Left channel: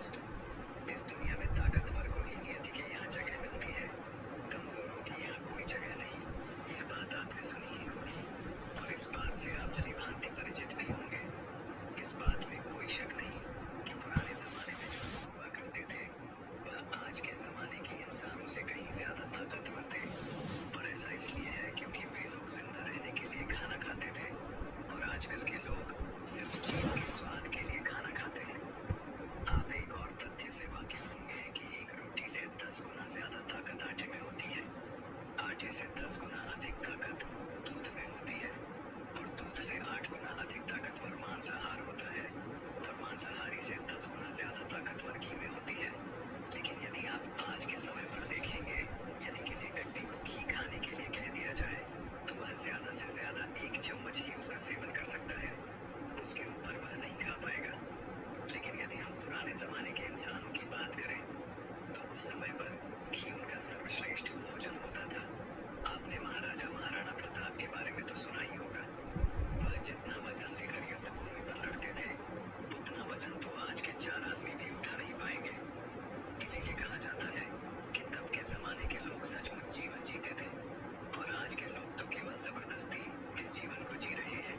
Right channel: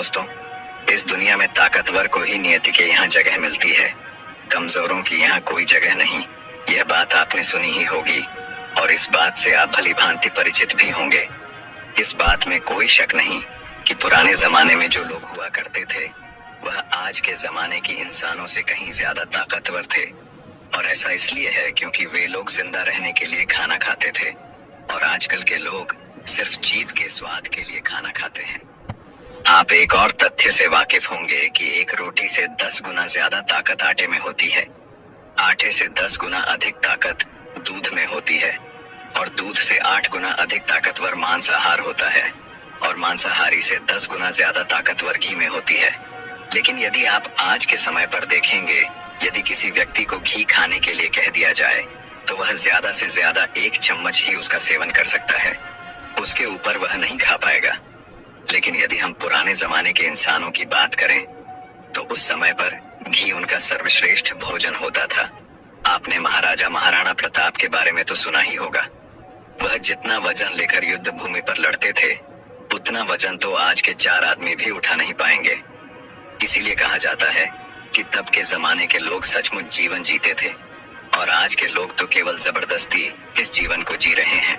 दोस्तों, इस दुनिया में ताकतवर को ही नियति के यहाँ जगह मिलती है, कमजोरों की यहाँ कोई जगह नहीं। यह बात आपने सुनी ही होगी और इस बात से आप भली भांति परिचित भी होंगे। इस बात में कोई शक नहीं कि पुराने जमाने में जो लोग हुआ करते थे वह आज के जमाने की इंसानों से कहीं ज्यादा ताकतवर थे। और ऐसा इसलिए है क्योंकि वे लोग जिंदा रहने के लिए खाना खाते थे और आजकल के लोग सिर्फ जीभ के स्वाद के लिए खाना खाते हैं। आप एक और तथ्य से वाकिफ होंगे कि एक रोटी से 10 गुना ज्यादा ताकत आटे में होती है, आटे से 10 गुना अधिक ताकत दूध में होती है और दूध से 8 गुना अधिक ताकतवर मांसाहार होता है और मांसाहारी से 10 गुना ज्यादा ताकतवर घी में होती है। लेकिन यदि आप आज के समय पर देखेंगे, यदि किसी व्यक्ति को घी खाने के लिए कह दिया जाए तो वह ज्यादा से ज्यादा 1 चम्मच ही उसका सेवन कर सकता है, उसके ऊपर वह नहीं खा पाएगा। लेकिन यदि हम पुराने जमाने के इंसानों की बात करें तो उस समय पर घी उनका सर्वश्रेष्ठ भोजन होता था। आपने महाराजा महाराणा प्रताप के बारे में तो सुना ही होगा। वह जितना वजन लेकर युद्ध भूमि पर लड़ते थे उतना वजन तो आज के 4 आदमी भी उठा नहीं पाएंगे। इसीलिए कहा जाता है कि तब के जमाने के लोग सचमुच जीवन जीते थे और आज के लोग तो केवल जबरदस्ती इस जीवन को जी रहे हैं।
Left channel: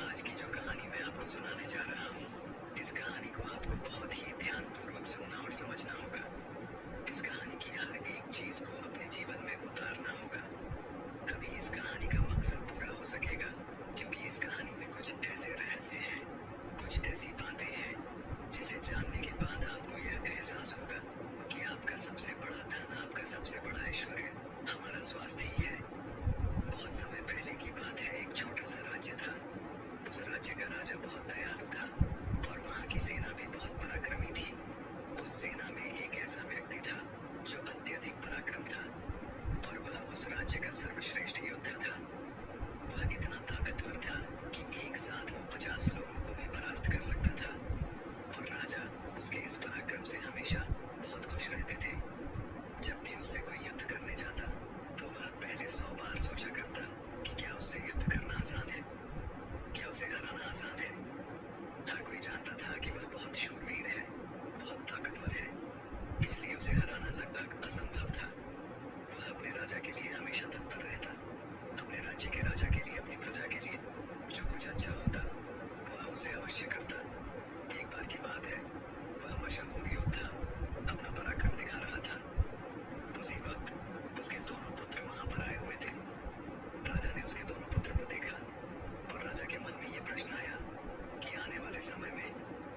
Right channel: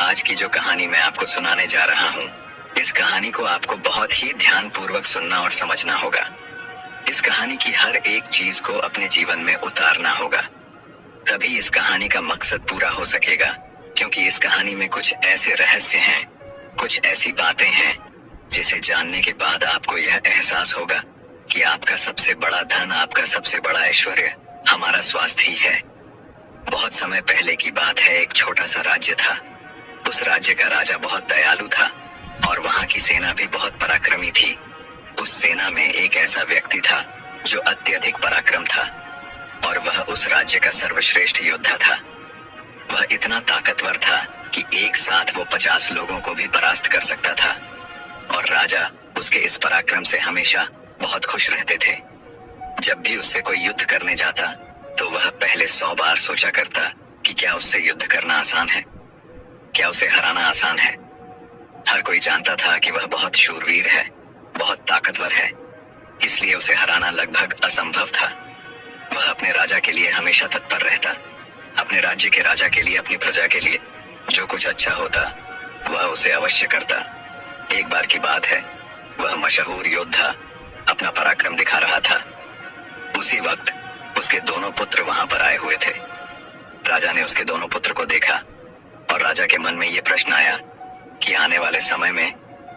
आज की जो कहानी मैं आपको सुनाने जा रहा हूँ, इस कहानी को आपको बहुत ही ध्यानपूर्वक सुनना और समझना होगा। इस कहानी की हर एक चीज को अपने जीवन में उतारना होगा, तभी इस कहानी का मकसद पूरा हो सकेगा। क्योंकि इस कहानी में कुछ ऐसे रहस्य हैं, कुछ ऐसी बातें हैं जिसे जानने के बाद आपको यह एहसास होगा कि आपका सबसे बड़ा धन, आपका सबसे बड़ा ऐश्वर्य हमारा स्वास्थ्य ही है। बहुत समय पहले की बात है, एक छोटा सा राज्य था। उस राज्य का राजा बहुत दयालु था और वहां की सेना भी बहुत पराक्रमी थी। उस सेना में एक ऐसा व्यक्ति था जो अत्यधिक पराक्रम था और वह उस राज्य का सर्वश्रेष्ठ योद्धा था। वह इतना ताकतवर था कि एक साथ वो 50 लोगों को भी परास्त कर सकता था और राजा उसके इस पराक्रम से हमेशा बहुत खुश रहते थे। जब भी उससे कोई युद्ध करने जाता तो वह पहले 100 बार सोचा करता कि क्या उससे युद्ध करना आसान है, क्या उसे हराना आसान है। हर कोई जानता था कि वह बहुत शूरवीर है, बहुत ताकतवर है, इसलिए उसे हराना लगभग असंभव था। वह अपने राजा के लिए हमेशा तत्पर रहता, अपने राज्य के राजा के लिए, अपनी प्रजा के लिए जो कुछ अच्छा होता वह उसे अवश्य करता। एक बार की बात है, वह मशहूर योद्धा अपना पराक्रम दिखा रहा था। उसी वक्त उसके दोनों पुत्र वहां पर आए हुए थे। राजा ने उसके दोनों पुत्र को देखा और राजा के मन में यह प्रश्न आया कि आने वाले समय में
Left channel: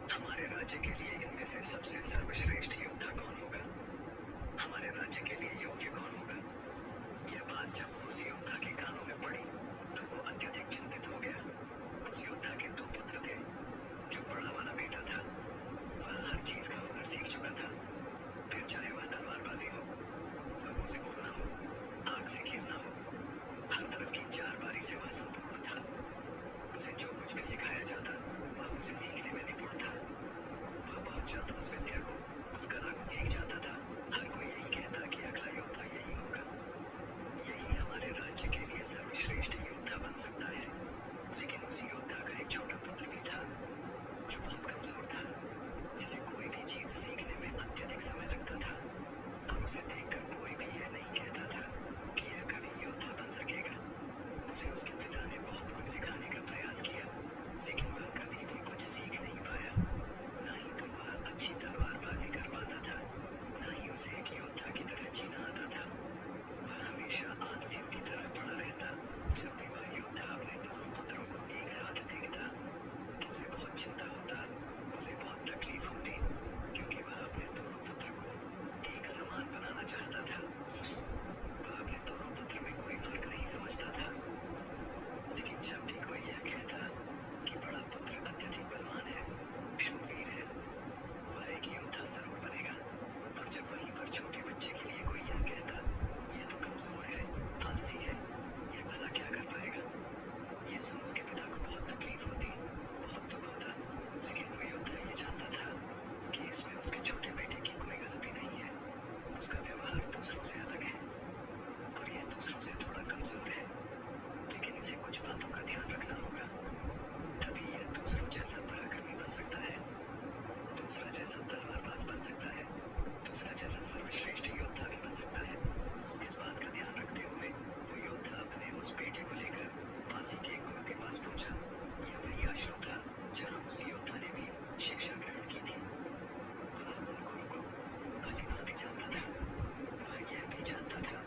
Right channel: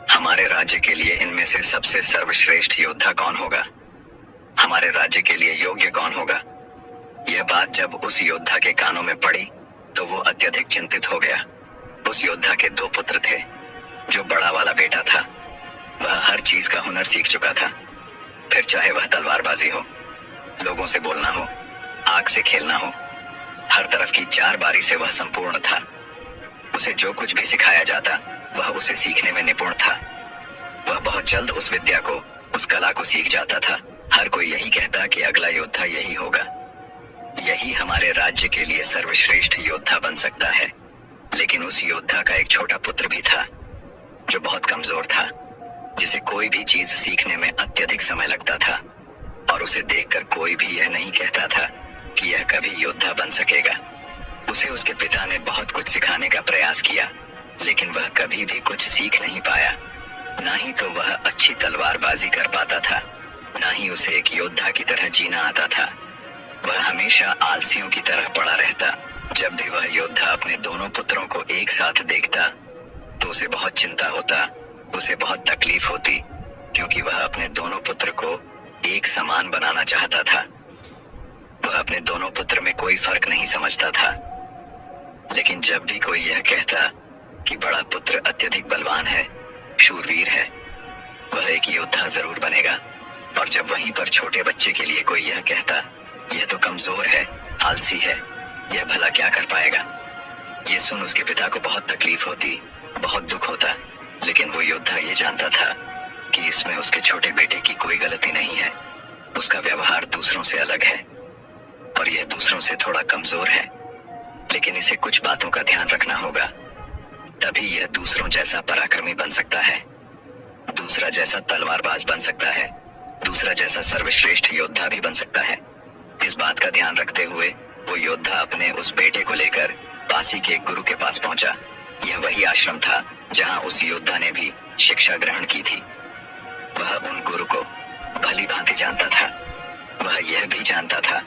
हमारे राज्य के लिए इनमें से सबसे सर्वश्रेष्ठ योद्धा कौन होगा, हमारे राज्य के लिए योग्य कौन होगा। यह बात जब उस योद्धा के कानों में पड़ी तो वो अत्यधिक चिंतित हो गया। उस योद्धा के 2 पुत्र थे। जो बड़ा वाला बेटा था वह हर चीज का हुनर सीख चुका था, फिर चाहे वह तलवारबाजी हो, लोगों से बोलना हो, आग से खेलना हो, हर तरफ की 4 बारी से वह संपूर्ण था। उसे जो कुछ भी सिखाया जाता वह उसे सीखने में निपुण था। वह बहुत जल्द उस विद्या को, उस कला को सीख जाता था। हर कोई यही कहता कि अगला योद्धा यही होगा, यही हमारे राज्य के लिए सर्वश्रेष्ठ योद्धा बन सकता है। लेकिन उस योद्धा का एक छोटा पुत्र भी था जो बहुत कमजोर था, जिसे कोई भी चीज सीखने में अत्यधिक समय लगता था और उसे देखकर कोई भी यह नहीं कहता था कि यह कभी योद्धा बन सकेगा। उसे उसके पिता ने बहुत कुछ सिखाने का प्रयास किया, लेकिन वह कभी भी कुछ सीख नहीं पाया। ना ही तो वह अच्छी तलवारबाजी कर पाता था, ना ही उसे एक योद्धा की तरह जीना आता था। वह हमेशा आलसियों की तरह पड़ा रहता। जब भी वह योद्धा अपने दोनों पुत्रों को एक साथ देखता तो उसे बहुत चिंता होता, उसे बहुत तकलीफ होती, क्योंकि वह अपने दोनों पुत्र को एक समान बनाना चाहता था। वह अपने दोनों पुत्र में कोई फर्क नहीं समझता था। लेकिन जब भी कोई यह कहता कि बड़ा पुत्र अत्यधिक बलवान है, शूरवीर है, वह एक योद्धा जरूर बनेगा, और जब वहीं पर छोटे बच्चे के लिए कोई यह कहता यह तो कमजोर है, आलसी है, यह भला क्या कर पाएगा, ये सुन उसके पिता को बहुत तकलीफ होती, बहुत दुख होता। लेकिन वो योद्धा ये जानता था कि इसमें उसके छोटे बेटे की कोई गलती नहीं है। उसका व्यवहार दूसरों से अलग है और यह दूसरों से थोड़ा कमजोर है, लेकिन इसे कुछ बातों का ध्यान रखना होगा, तभी यह दूसरों जैसा पराक्रमी बन सकता है। दूसरा जैसा तलवारबाज बन सकता है, दूसरा जैसा सर्वश्रेष्ठ योद्धा भी बन सकता है। इस बात का ध्यान रखते हुए वो योद्धा अपने उस बेटे को लेकर पासी के एक गुरु के पास पहुंचा। यह वही आश्रम था जहां उस योद्धा ने भी शिक्षा ग्रहण की थी। वह उन गुरु को भली भांति जानता था। वह यह भी जानता था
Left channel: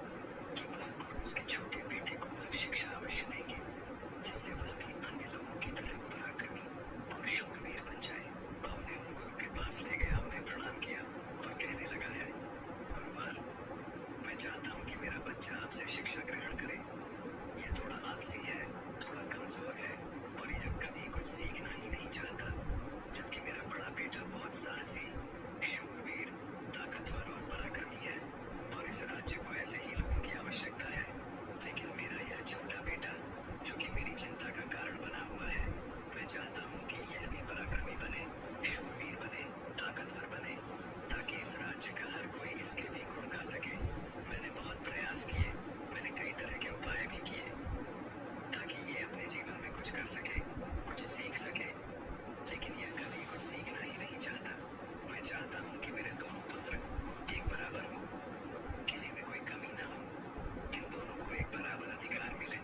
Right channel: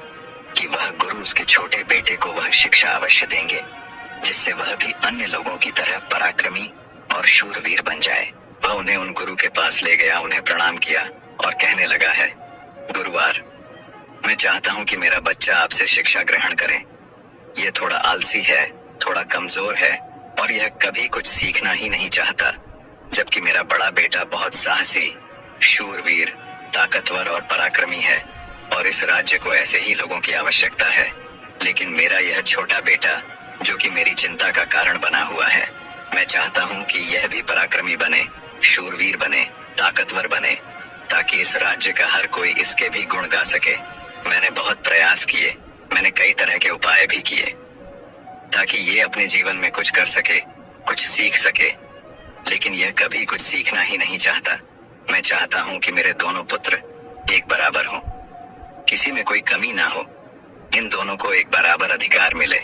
कि वह गुरु उसके छोटे बेटे को वह शिक्षा अवश्य देंगे जिससे वह भी अन्य लोगों की तरह पराक्रमी और शूरवीर बन जाए। वह उन्हें उन गुरु के पास ले गया, उन्हें प्रणाम किया और कहने लगा है, गुरुवार, मैं चाहता हूं कि मेरा बच्चा आपसे शिक्षा ग्रहण करे। यह थोड़ा आलसी है, थोड़ा कमजोर है और यह कभी कुछ सीखना ही नहीं चाहता, जबकि मेरा बड़ा बेटा बहुत साहसी, शूरवीर, ताकतवर और पराक्रमी है और इस राज्य को ऐसे ही लोगों की आवश्यकता है। लेकिन मेरा यह छोटा बेटा, जो कि मेरी चिंता का कारण बना हुआ है, मैं चाहता हूं कि यह भी पराक्रमी बने, शूरवीर बने, ताकतवर बने, ताकि इस राज्य का हर कोई इसके भी गुण गा सके। मैंने बहुत प्रयास किए, मैंने कई तरह के उपाय भी किए ताकि ये अपने जीवन में कुछ कर सके, कुछ सीख सके, लेकिन यह कभी कुछ सीखना ही नहीं चाहता। मैं चाहता हूं कि मेरे दोनों पुत्र एक बराबर हों, किसी में कोई कमी ना हो, इन दोनों को एक बराबर अधिकार मिले।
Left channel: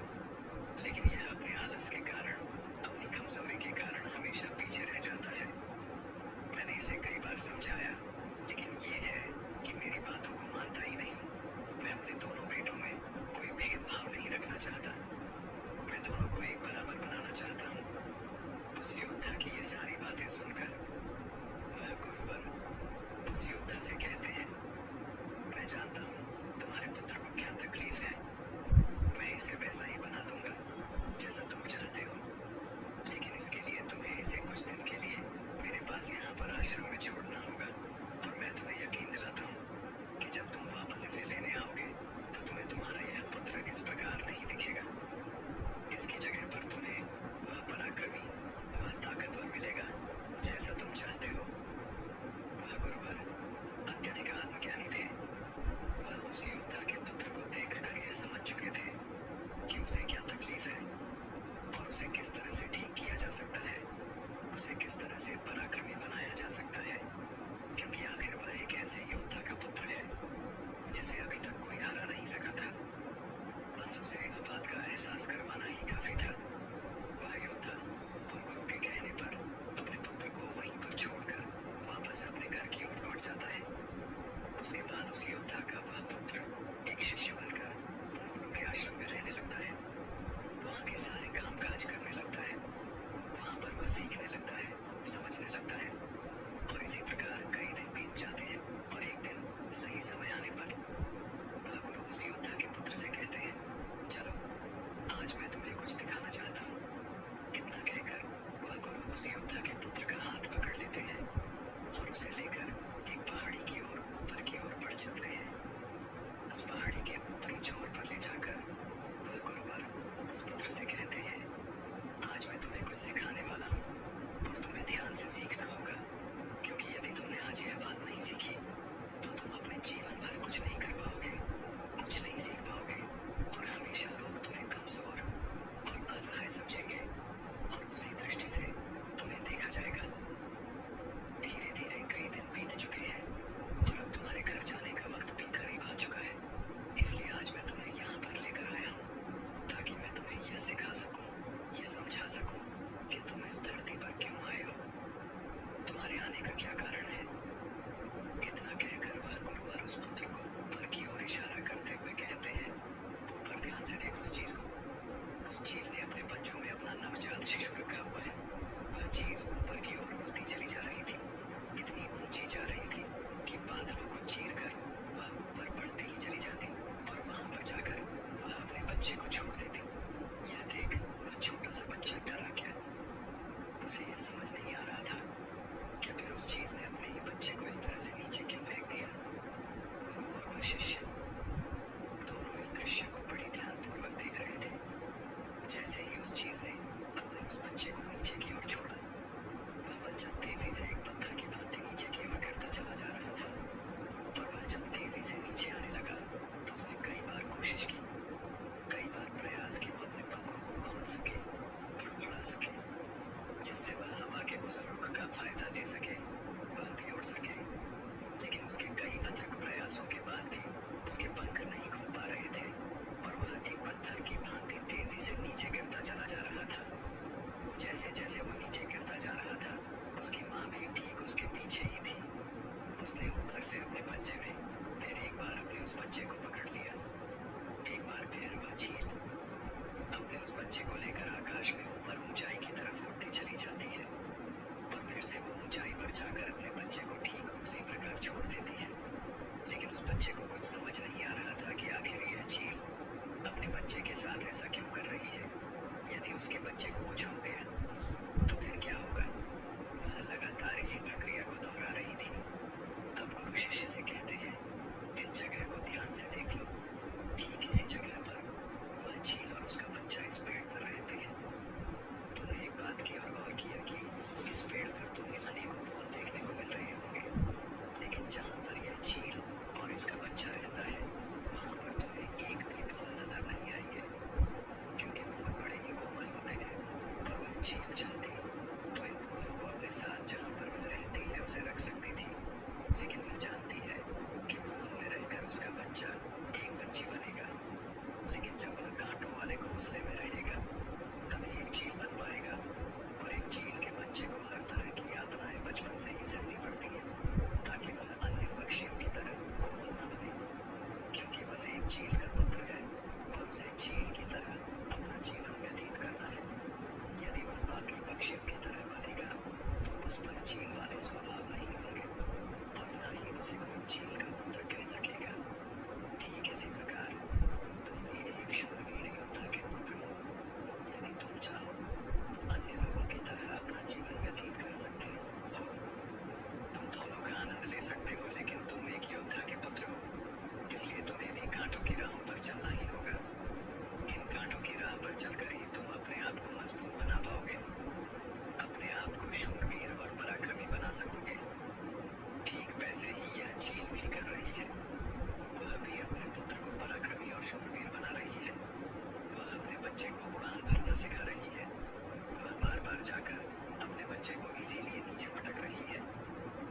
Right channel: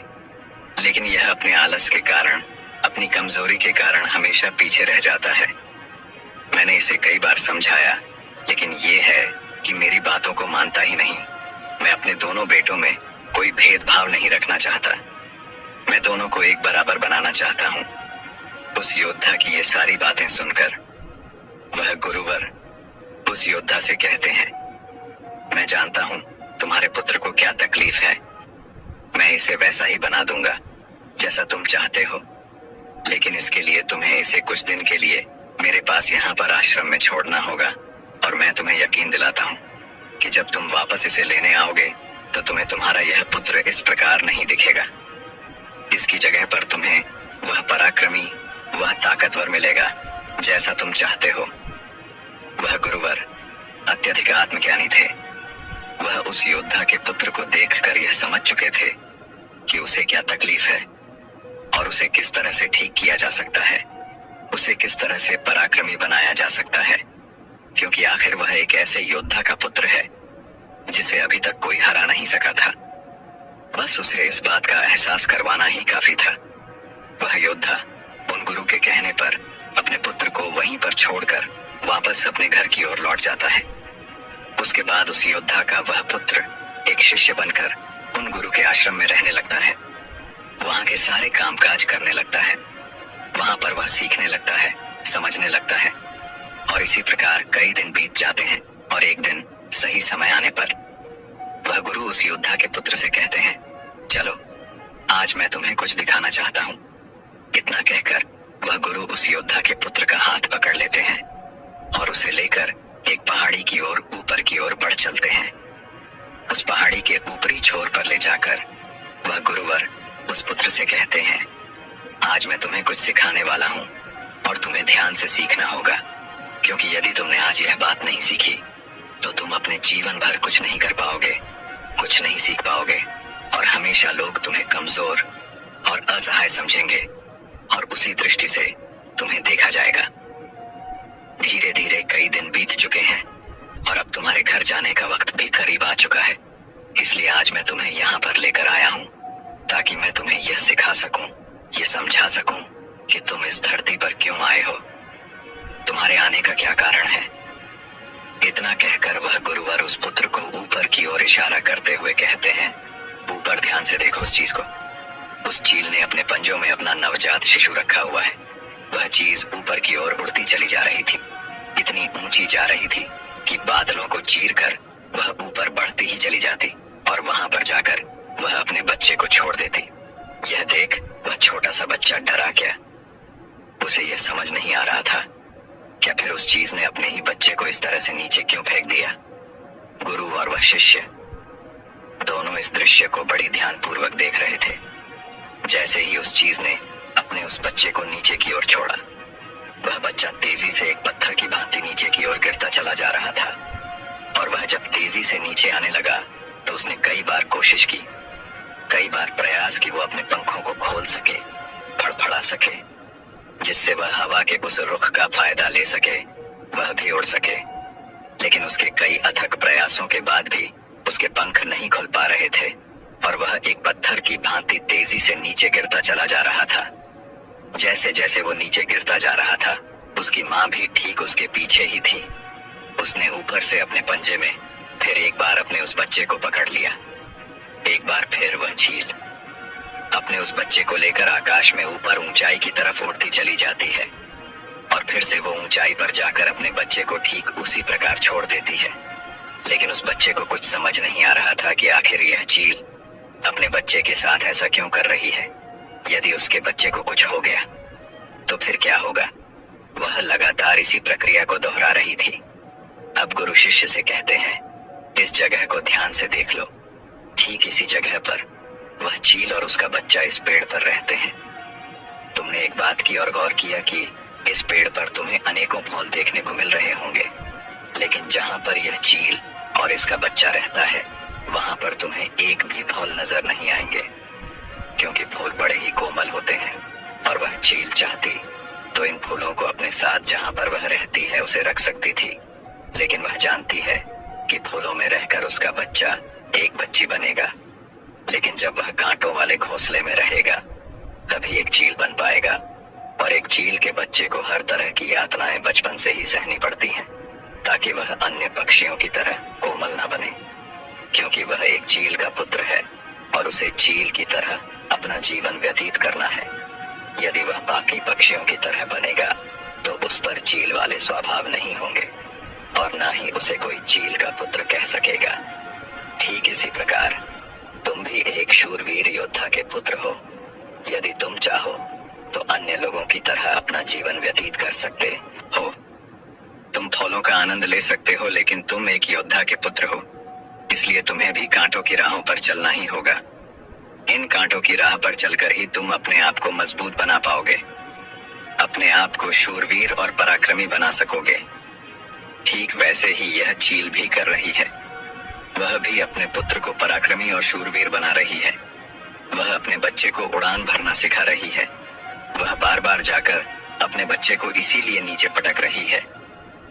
लेकिन यह अपने आलस के कारण, अपनी कमजोरी के कारण हमेशा पीछे रह जाता है। मैंने इसे कई बार समझाया, लेकिन ये है कि मेरी बातों को मानता ही नहीं। मैं अपने दोनों बेटों में कोई भेदभाव नहीं रखना चाहता। मैं दोनों को एक बराबर बनाना चाहता हूँ। उस योद्धा की ये सारी बातें सुनकर वह गुरुवर उस योद्धा से कहते हैं, मैं जानता हूँ तुम्हारे पुत्र को क्या तकलीफ है। मैं इसे वैसा ही बना दूंगा जैसा तुम चाहते हो, लेकिन इसके लिए तुम्हें इसे कुछ दिन के लिए मेरे पास यहाँ पर आश्रम में छोड़ना होगा। और मैं तुम्हें यकीन दिलाता हूँ कि जब तुम वापस इसे लेने आओगे तो तुम्हें तुम्हारा यह पुत्र इस प्रकार नहीं दिखेगा। इसकी जगह पर तुम्हें वह पराक्रमी, वह ताकतवर मिलेगा जैसा तुम चाहते हो। वह गुरुवर अत्यधिक आत्मज्ञानी थे। वह उस योद्धा के पुत्र को देखकर यह समझ चुके थे कि उसे क्या तकलीफ है और उसे किस तरह से ठीक किया जा सकता है, उसे किस तरह से पराक्रमी बनाया जा सकता है, क्योंकि आखिर वह एक ऐसे योद्धा का पुत्र है जिसे अभी तक कोई हरा नहीं सका था। बस उसे इस बात का एहसास करवाना ही काफी था। वह योद्धा उन गुरु के कहने पर अपने पुत्र को वहीं पर छोड़कर वापस अपने घर की ओर लौट जाता है। उसके बाद उस योद्धा का वह पुत्र एक शिष्य बनकर उन गुरु के आश्रम में रहने लगता है। वहां के सारे कामकाज करने लगता है। वहां पर वह सीखने लगता है, समझने लगता है और इसी प्रकार कई दिन बीत जाते हैं और एक दिन सही समय आने पर वह गुरु उस योद्धा के पुत्र से कहते हैं, चलो आज मैं तुम्हें कुछ दिखाना चाहता हूँ। इतना कहकर वह गुरु उस योद्धा के पुत्र का हाथ पकड़ लेते हैं और उसे लेकर एक पहाड़ी की ओर ऊपर की ओर बढ़ चलते हैं। उस पहाड़ी के ऊपरी छोर पर ले जाकर वह गुरुवर उस पुत्र से कहते हैं, आज मैं तुम्हें कुछ सिखाने वाला हूँ और तुम्हें ध्यान से सीखना होगा, क्योंकि यदि तुमने आज यह बात नहीं सीखी तो तुम अपने जीवन भर कुछ नहीं कर पाओगे, कुछ नहीं सीख पाओगे और हमेशा लोग तुम्हें कमजोर और असहाय समझेंगे और उसी दृष्टि से तुम्हें देखा जाएगा। धीरे धीरे कई दिन बीत चुके हैं और अब तुम्हारे घर जाने का वक्त भी करीब आ चुका है। इसलिए आज मैं तुम्हें यहाँ पर लेकर आया हूँ ताकि मैं तुम्हें यह सिखा सकूं, ये समझा सकूं कि तुम इस धरती पर क्यों आए हो, तुम्हारे आने का क्या कारण है। इतना कहकर वह गुरुवर उस पुत्र को ऊपर की ओर इशारा करते हुए कहते हैं, ऊपर ध्यान से देखो उस चीज को। उस चील ने अपने पंजों में अपना नवजात शिशु रखा हुआ है। वह चीज ऊपर की ओर उड़ती चली जा रही थी, इतनी ऊंची जा रही थी कि बादलों को चीर कर वह ऊपर बढ़ती ही चली जाती और वहां पर जाकर वह अपने बच्चे को छोड़ देती। यह देख वह छोटा सा बच्चा डरा गया। उसे यह समझ नहीं आ रहा था क्या फिर उस चीज ने अपने ही बच्चे को इस तरह से नीचे क्यों फेंक दिया। गुरु और वह शिष्य दोनों इस दृश्य को बड़ी ध्यानपूर्वक देख रहे थे। जैसे ही उस चीज ने अपने उस बच्चे को नीचे की ओर छोड़ा, वह बच्चा तेजी से एक पत्थर की भांति नीचे की ओर गिरता चला जा रहा था और वह जब तेजी से नीचे आने लगा तो उसने कई बार कोशिश की, कई बार प्रयास कि वो अपने पंखों को खोल सके, फड़फड़ा सके, जिससे वह हवा के उस रुख का फायदा ले सके वह भी उड़ सके। लेकिन उसके कई अथक प्रयासों के बाद भी उसके पंख नहीं खुल पा रहे थे और वह एक पत्थर की भांति तेजी से नीचे गिरता चला जा रहा था। जैसे जैसे वो नीचे गिरता जा रहा था, उसकी माँ भी ठीक उसके पीछे ही थी। उसने ऊपर से अपने पंजे में फिर एक बार अपने उस बच्चे को पकड़ लिया। एक बार फिर वह झील अपने उस बच्चे को लेकर आकाश में ऊपर ऊंचाई की तरफ उड़ती चली जाती है और फिर से वो ऊंचाई पर जाकर अपने बच्चे को ठीक उसी प्रकार छोड़ देती है। लेकिन उस बच्चे को कुछ समझ नहीं आ रहा था कि आखिर यह चील अपने बच्चे के साथ ऐसा क्यों कर रही है। यदि उसके बच्चे को कुछ हो गया तो फिर क्या होगा। वह लगातार इसी प्रक्रिया को दोहरा रही थी। अब गुरु शिष्य से कहते हैं, इस जगह को ध्यान से देख लो। ठीक इसी जगह पर वह चील और उसका बच्चा इस पेड़ पर रहते हैं। तुमने एक बात की और गौर किया कि इस पेड़ पर तुम्हें अनेकों फूल देखने को मिल रहे होंगे, लेकिन जहां पर यह चील और इसका बच्चा रहता है वहां पर तुम्हें एक भी फूल नजर नहीं आएंगे, क्योंकि फूल बड़े ही कोमल होते हैं। और वह चील चाहती तो इन फूलों को अपने साथ जहां पर वह रहती है उसे रख सकती थी, लेकिन वह जानती है कि फूलों में रहकर उसका बच्चा एक बच्ची बनेगा। लेकिन जब वह कांटों वाले घोंसले में रहेगा तभी एक चील बन पाएगा। और एक चील के बच्चे को हर तरह की यातनाएं बचपन से ही सहनी पड़ती हैं, ताकि वह अन्य पक्षियों की तरह कोमल ना बने, क्योंकि वह एक चील का पुत्र है और उसे चील की तरह अपना जीवन व्यतीत करना है। यदि वह बाकी पक्षियों की तरह बनेगा तो उस पर चील वाले स्वभाव नहीं होंगे और ना ही उसे कोई चील का पुत्र कह सकेगा। ठीक इसी प्रकार तुम भी एक शूरवीर योद्धा के पुत्र हो। यदि तुम चाहो तो अन्य लोगों की तरह अपना जीवन व्यतीत कर सकते हो। तुम फूलों का आनंद ले सकते हो, लेकिन तुम एक योद्धा के पुत्र हो, इसलिए तुम्हें भी कांटों की राहों पर चलना ही होगा। इन कांटों की राह पर चलकर ही तुम अपने आप को मजबूत बना पाओगे, अपने आप को शूरवीर और पराक्रमी बना सकोगे। ठीक वैसे ही यह चील भी कर रही है। वह भी अपने पुत्र को पराक्रमी और शूरवीर बना रही है। वह अपने बच्चे को उड़ान भरना सिखा रही है। वह बार बार जाकर अपने बच्चे को इसीलिए नीचे पटक रही है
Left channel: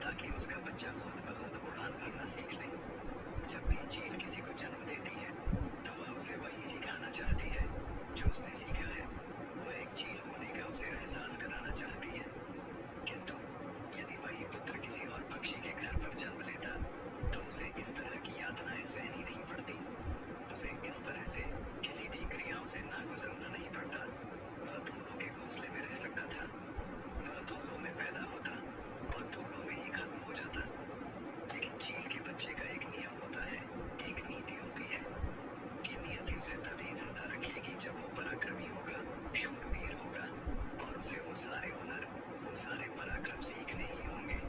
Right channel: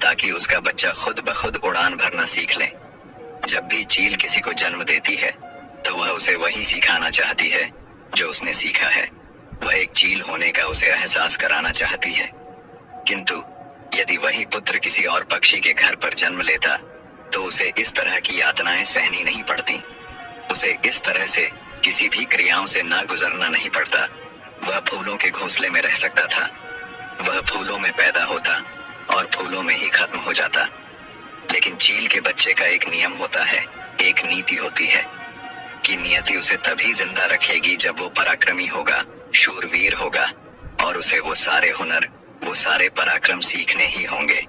ताकि उसका बच्चा खुद ब खुद उड़ान भरना सीख ले। जब भी चील किसी को जन्म देती है तो वह उसे वही सिखाना चाहती है जो उसने सीखा है। वह एक चील होने का उसे एहसास कराना चाहती है। किंतु यदि वही पुत्र किसी और पक्षी के घर पर जन्म लेता तो उसे इस तरह की यातनाएं सहनी नहीं पड़ती। उसे इस तरह से किसी भी क्रियाओं से ना गुजरना नहीं पड़ता। वह फूलों के घोंसले में रह सकता था। वह फूलों में पैदा होता और फूलों में ही खत्म हो जाता। लेकिन चील के बच्चे का एक नियम होता है, एक नीति होती है कि नियति उसे तभी जिंदा रखेगी जब वो पराक्रमी होगा, शूरवीर होगा और उसे वो सारे हुनर, वो सारे पराक्रम सीखने ही होंगे।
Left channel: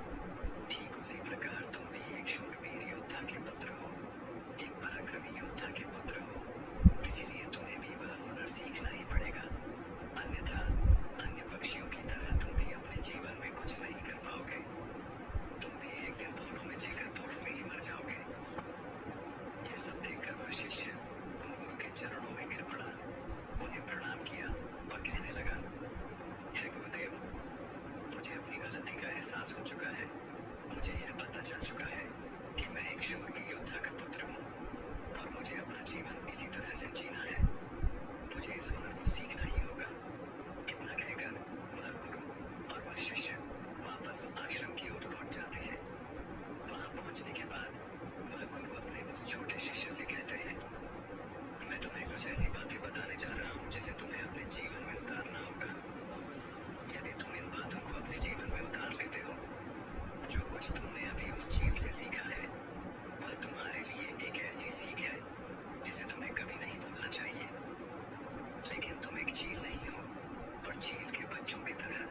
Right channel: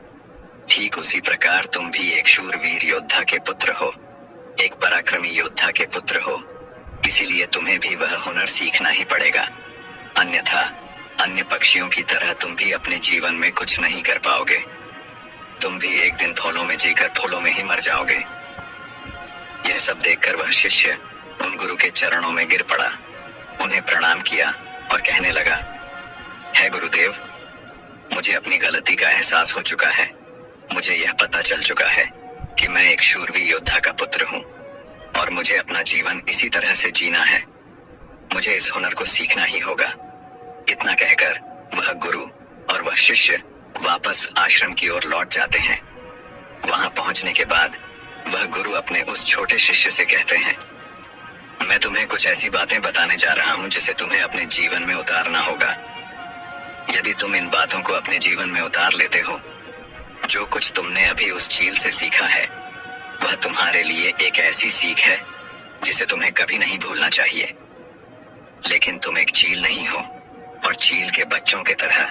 ठीक उसी प्रकार तुम भी एक शूरवीर योद्धा के पुत्र हो, एक पराक्रमी योद्धा के पुत्र हो, इसीलिए तुम्हें भी वह हुनर सीखना ही पड़ेगा। अन्यथा अन्य पक्षियों की तरह तुम भी अपने जीवन में कुछ नहीं कर पाओगे। तुम भी एक दिन फूलों में जीकर फूलों में ही मर जाओगे। यह सब देखकर वह शिष्य उन गुरु के चरणों में गिर पड़ा, उन्हें प्रणाम किया और कहने लगा, है गुरुदेव, मुझे अपनी गलती का एहसास हो चुका है। मुझे यह पता चल चुका है कि मैं एक शूरवीर योद्धा का पुत्र हूँ और मुझे अपना जीवन इसी तरह से जीना है। मुझे इस हुनर को सीखना ही होगा। इतना कहकर वह गुरु और वह शिष्य वापस आश्रम की ओर लौट जाते हैं। वहां पहुंचने के बाद वह गुरु अपने उस छोटे शिष्य से कहते हैं, मैं तुम्हें कुछ ऐसी बातें बताने जा रहा हूं जिसे तुम्हें अपने जीवन में उतारना होगा। यदि तुम इन बातों को अपने जीवन में उतार लेते हो, जो कुछ तुमने अभी उस चील से सीखा है वह तुम्हारे लिए एक ऐसी सीख है जिसे तुम्हें कभी नहीं भूलना चाहिए। लेकिन तुम एक चील नहीं हो और चील के बच्चों की तरह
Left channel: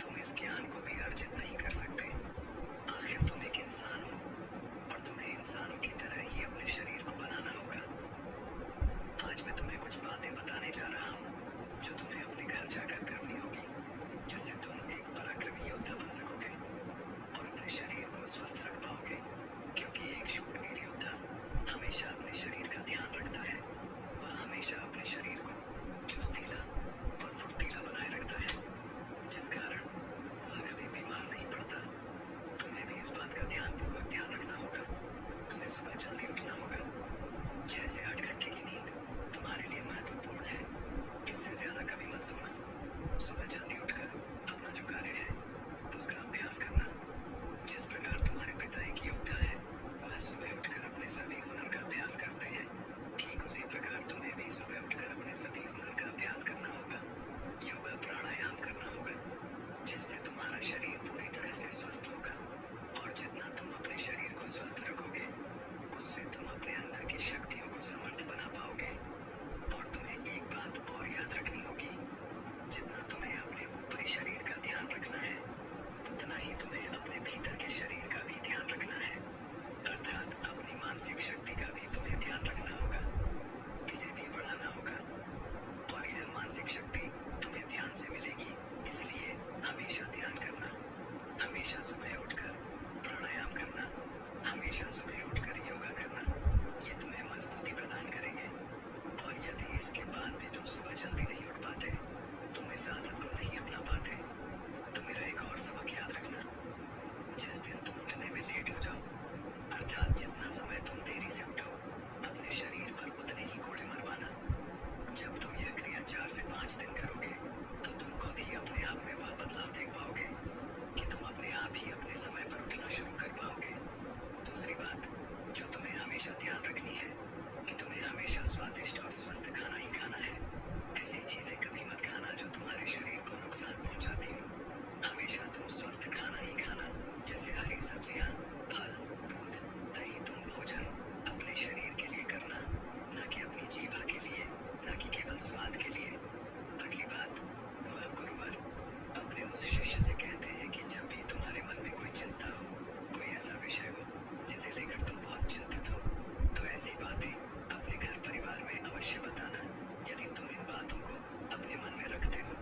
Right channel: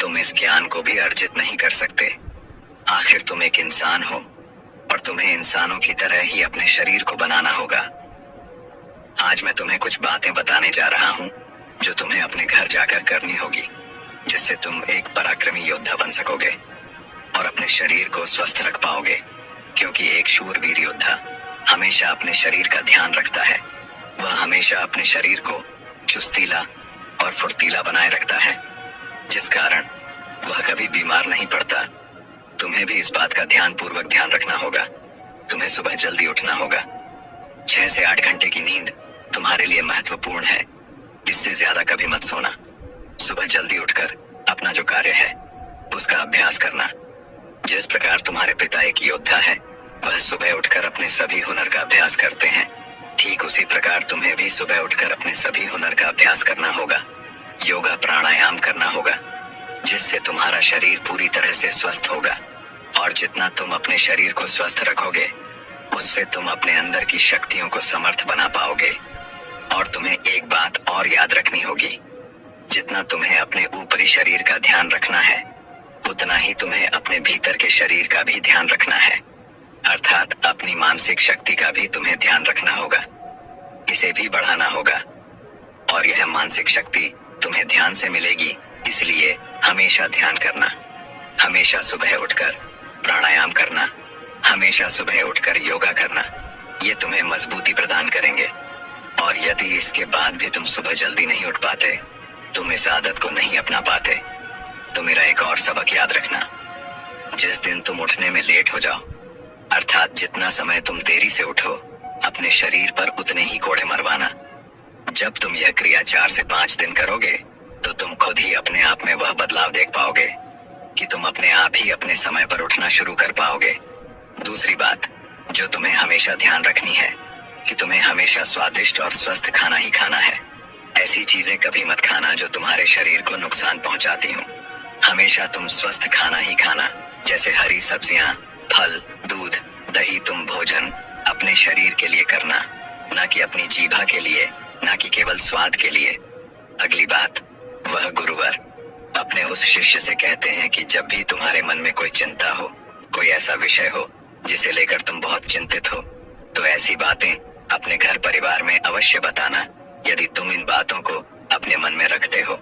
तुम इस ज्ञान को भी अर्जित नहीं कर सकते। आखिर तुम एक इंसान हो और तुम्हें इंसानों की तरह ही अपने शरीर को बनाना होगा। आज मैं तुम्हें कुछ बातें बताने जा रहा हूं जो तुम्हें अपने घर जाकर करनी होगी, जिससे तुम एक पराक्रमी योद्धा बन सकोगे और अपने शरीर को स्वस्थ रख पाओगे, क्योंकि एक शूरवीर योद्धा हमेशा अपने शरीर का ध्यान रखता है। वह हमेशा अपने शरीर को चुस्तीला और फुर्तीला बनाए रखता है, जिस कारण वह कभी बीमार नहीं पड़ता। तुम्हें भी इस बात का ध्यान पूर्वक ध्यान रखना होगा। तुम्हें सुबह जल्दी उठना होगा। 6 से 8 घंटे की नींद तुम्हारे लिए महत्वपूर्ण है। इससे ज्यादा कभी मत सोना। सुबह जल्दी उठकर अपना जो कार्य है उसका अभ्यास करना। जिस प्रकार तुम्हारे पिता एक योद्धा है, वह सुबह उठकर अपने सभी हुनर का अभ्यास करते हैं, ठीक उसी प्रकार तुम्हें भी सुबह उठकर अपने सभी हुनर का अभ्यास करना होगा। योगा प्राणायाम करना होगा, जिससे तुम्हारा शरीर पूरी तरह से स्वस्थ होगा। और जितना तुम अपने शरीर को स्वस्थ रखोगे, उससे तुम अपने अंदर की शक्तियों को समर्थ बना पाओगे। और तुम्हें एक बात और याद रखनी होगी, जितना तुम्हें अपने ऊपरी शरीर का ध्यान रखना है, उतना ही तुम्हें अपने भीतर के शरीर का भी ध्यान रखना है। अर्थात अपनी मानसिक शक्ति का भी तुम्हें ध्यान रखना होगा, इसे भी बढ़ाना होगा। और यह मानसिक शक्ति तुम्हें ध्यान से मिलेगी, इसलिए हमेशा ध्यान करना, हमेशा सुबह उठकर प्राणायाम करना, हमेशा सुबह उठकर योगा करना। ये तुम्हें मजबूती प्रदान करेंगे। और यदि इसके बाद भी तुम सुबह जल्दी नहीं उठ पाते, तुम इस आदत को नहीं अपना पाते, तो मेरा एक और सबक याद रखना। जिस दिन तुम उठने में लेट हो जाओ, अर्थात जितना समय तुम देरी से उठो, अपने शरीर पर उतने ही कोड़े मरवाना। जब तुम यह क्रिया 4 से 5 दिन करोगे, तो तुम खुद ही अपने आप में वह बदलाव देख पाओगे कि तुम अपने आप ही अपने समय पर उठना शुरू कर पाओगे। दूसरी बात जो तुम्हें हमेशा ध्यान रखनी है कि तुम्हें हमेशा स्वादिष्ट और स्वस्थ खाना ही खाना है। ऐसी चीजें कभी मत खाना जो तुम्हारे शरीर को नुकसान पहुंचाती हो। हमेशा तुम स्वस्थ खाना ही खाना, जैसे हरी सब्जियां, फल, दूध, दही। तुम भोजन अपने शरीर के लिए करना, ना कि अपनी जीभा के लिए, ना कि केवल स्वाद के लिए। अगली बात, वह गुरुवर अपने उस शिष्य से कहते हैं कि जब भी तुम्हारे मन में कोई चिंता हो, कोई ऐसा विषय हो जिसे लेकर तुम बहुत चिंतित हो, तो ऐसी बातें अपने घर परिवार में अवश्य बताना। यदि तुम इन बातों को अपने मन में रखते हो,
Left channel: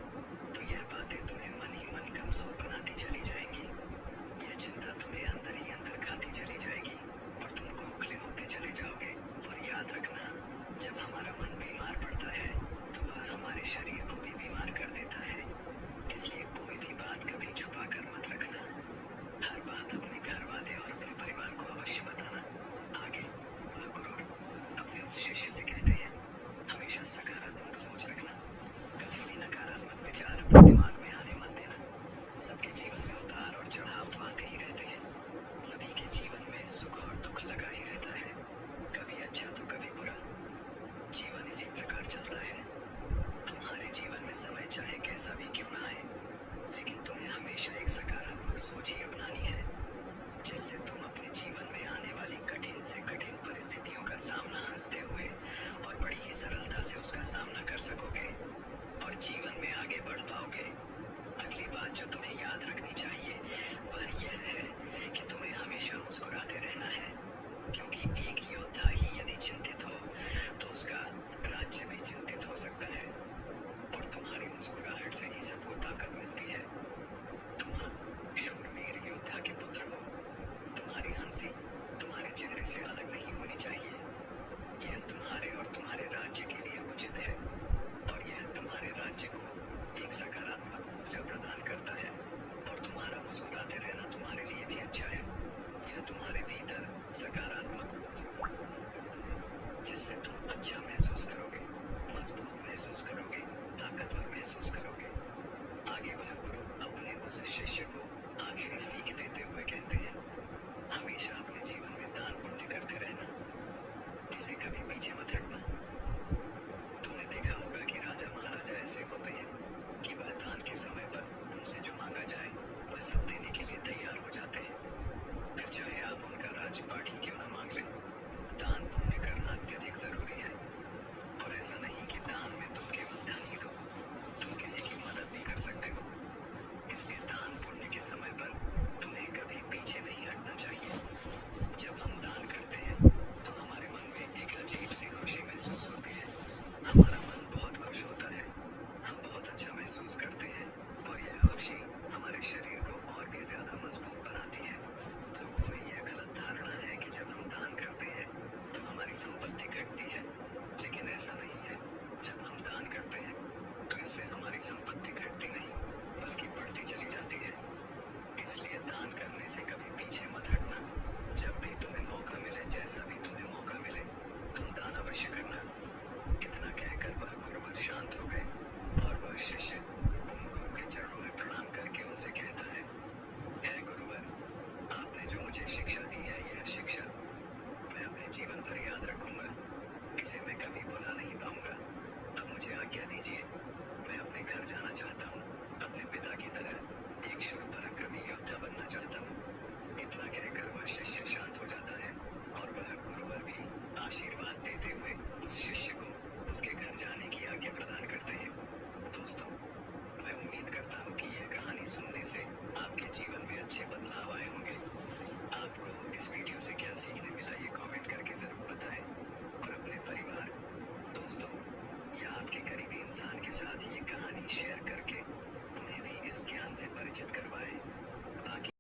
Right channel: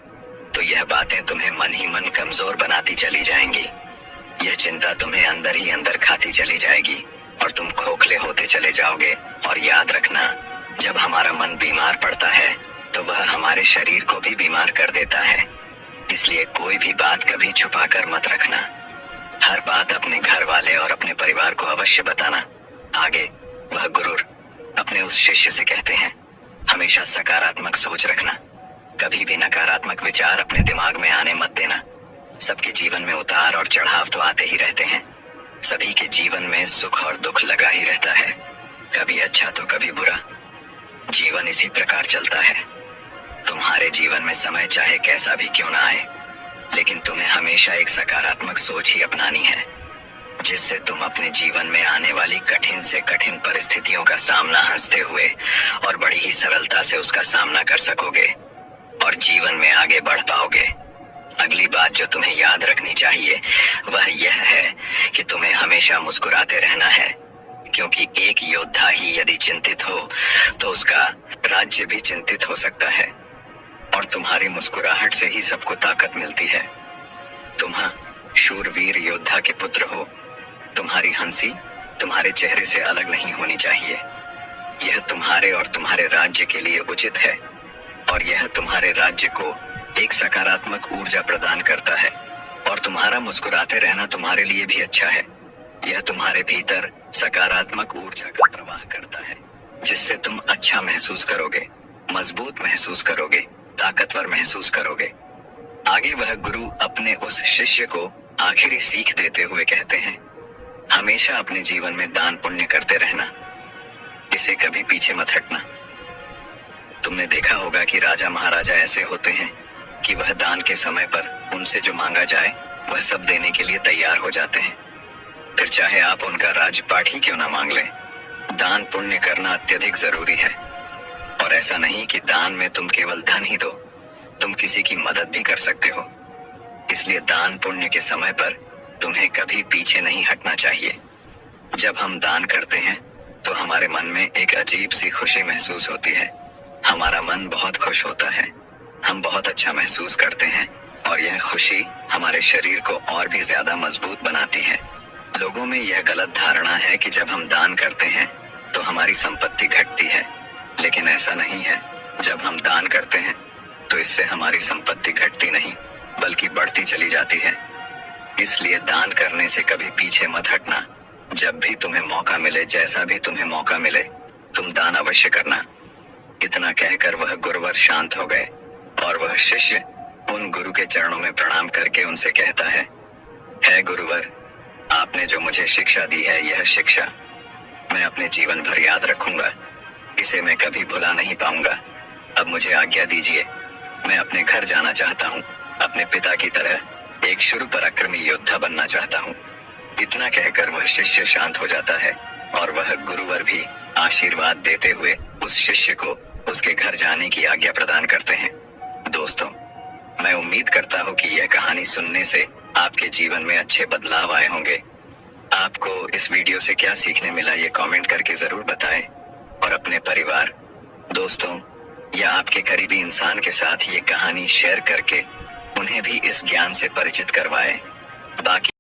तो यह बातें तुम्हें मन ही मन कमजोर बनाती चली जाएंगी। यह चिंता तुम्हें अंदर ही अंदर खाती चली जाएगी और तुम खोखले होते चले जाओगे। और याद रखना, जब हमारा मन बीमार पड़ता है, तो वह हमारे शरीर को भी बीमार कर देता है। इसलिए कोई भी बात कभी छुपा कर मत रखना। हर बात अपने घर वाले और अपने परिवार को अवश्य बताना। आगे वह गुरु अपने उस शिष्य से कहते हैं, हमेशा सकारात्मक सोच रखना। कभी भी नकारात्मक विचार अपने दिमाग में आने मत देना। सबके जीवन में उतार और चढ़ाव तो आते ही रहते हैं। सभी के जीवन में सुख और दुख लगा ही रहता है, कभी अच्छा तो कभी बुरा। जीवन इसी प्रकार चलता है। तुम्हारे जीवन में समय चाहे कैसा भी क्यों ना आए, लेकिन तुम्हें हमेशा एक सकारात्मक सोच ही अपनानी है, जिससे तुम अपने जीवन में आने वाली कठिन से कठिन परिस्थितियों का सामना हंसते हुए और बड़ी ही सरलता से उसका सामना कर सकोगे और जीवन में आगे बढ़ पाओगे। अगली बात जो तुम्हें याद रखनी चाहिए वह यह है कि तुम्हें हमेशा मुस्कुराते रहना है, क्योंकि एक योद्धा ही यदि चिंतित हो तो उसका राज्य भी चिंतित हो सकता है। और तुम्हारी मुस्कुराहट से ही सबको ताकत मिलती है। तुम शूरवीर योद्धा के पुत्र हो। तुम्हारी हंसी तुम्हारे चेहरे से अलग नहीं होनी चाहिए। यह तुम्हारे और तुम्हारे राज्य के लिए उचित है, और यह तुम्हारे राज्य को एक सकारात्मक ऊर्जा प्रदान करता है। और तुम्हारा मुस्कुराते रहना तुम्हारे लिए भी अच्छा है। यह तुम्हारे भीतर सकारात्मक ऊर्जा का प्रवाह करता है, जिससे तुम अच्छा महसूस करोगे, मजबूत महसूस करोगे, ताकतवर महसूस करोगे। आगे वह गुरु अपने उस शिष्य को आखिरी सीख देते हुए कहते हैं, हमेशा अपने जीवन में दान पुण्य करते रहना, इसे कभी पीछे मत हटना। तुमने देखा होगा कि राजा महाराजा ऐसे होते हैं कि वह दान के समय पर उनसे जो मांगा जाए वह सब देने के लिए तैयार हो जाते हैं, फिर चाहे आप उनका राजपाट ही क्यों ना मांग लें। दान पुण्य करना अत्यधिक जरूरी है। और ऐसा नहीं कि दान में तुम केवल धन ही दो, तुम किसी की मदद भी कर सकते हो। इसलिए दान पुण्य के समय पर तुम्हें कभी पीछे नहीं हटना चाहिए। जब हम दान करते हैं तो हमारे मन में एक अजीब सी खुशी महसूस होती है। हमारा मन बहुत खुश होता है, हम बहुत अच्छा महसूस करते हैं, और यह खुशी हमारे शरीर को और भी ज्यादा मजबूत बनाती है। लोगों में यह गलत धारणा है कि जब हम दान करते हैं तो हमारी संपत्ति घटती है, लेकिन ऐसा नहीं है। जब हम दान करते हैं तो इससे हमारी संपत्ति घटती नहीं, बल्कि बढ़ती चली जाती है। इसलिए दान करने से कभी पीछे मत हटना। जब भी तुम्हें मौका मिले, जैसा भी तुम्हें मौका मिले, तुम दान अवश्य करना। इतना कहकर वह गुरुवर शांत हो गए और वह शिष्य उन गुरु के चरणों में प्रणाम करके उनसे कहता है गुरुवर, आपने जो मुझे शिक्षा दी है, यह शिक्षा मैं अपने जीवन भर याद रखूंगा। इसे मैं कभी भुला नहीं पाऊंगा। अब मुझे आज्ञा दीजिए, मैं अपने घर जाना चाहता हूँ। अपने पिता की तरह एक शुरू पराक्रमी योद्धा बनना चाहता हूँ। इतना कहकर वह शिष्य शांत हो जाता है और वह गुरुवर भी आशीर्वाद देते हुए उस शिष्य को उसके घर जाने की आज्ञा प्रदान करते हैं। दोस्तों, मैं उम्मीद करता हूँ कि यह कहानी सुनने से आपके जीवन में अच्छे बदलाव आए होंगे। आपको इस वीडियो से क्या सीखने मिला, ये कमेंट करके जरूर बताएं और अपने परिवार, दोस्तों या आपके करीबी इंसान के साथ ये कहानी शेयर करके उन्हें भी इस ज्ञान से परिचित करवाएं। बाकी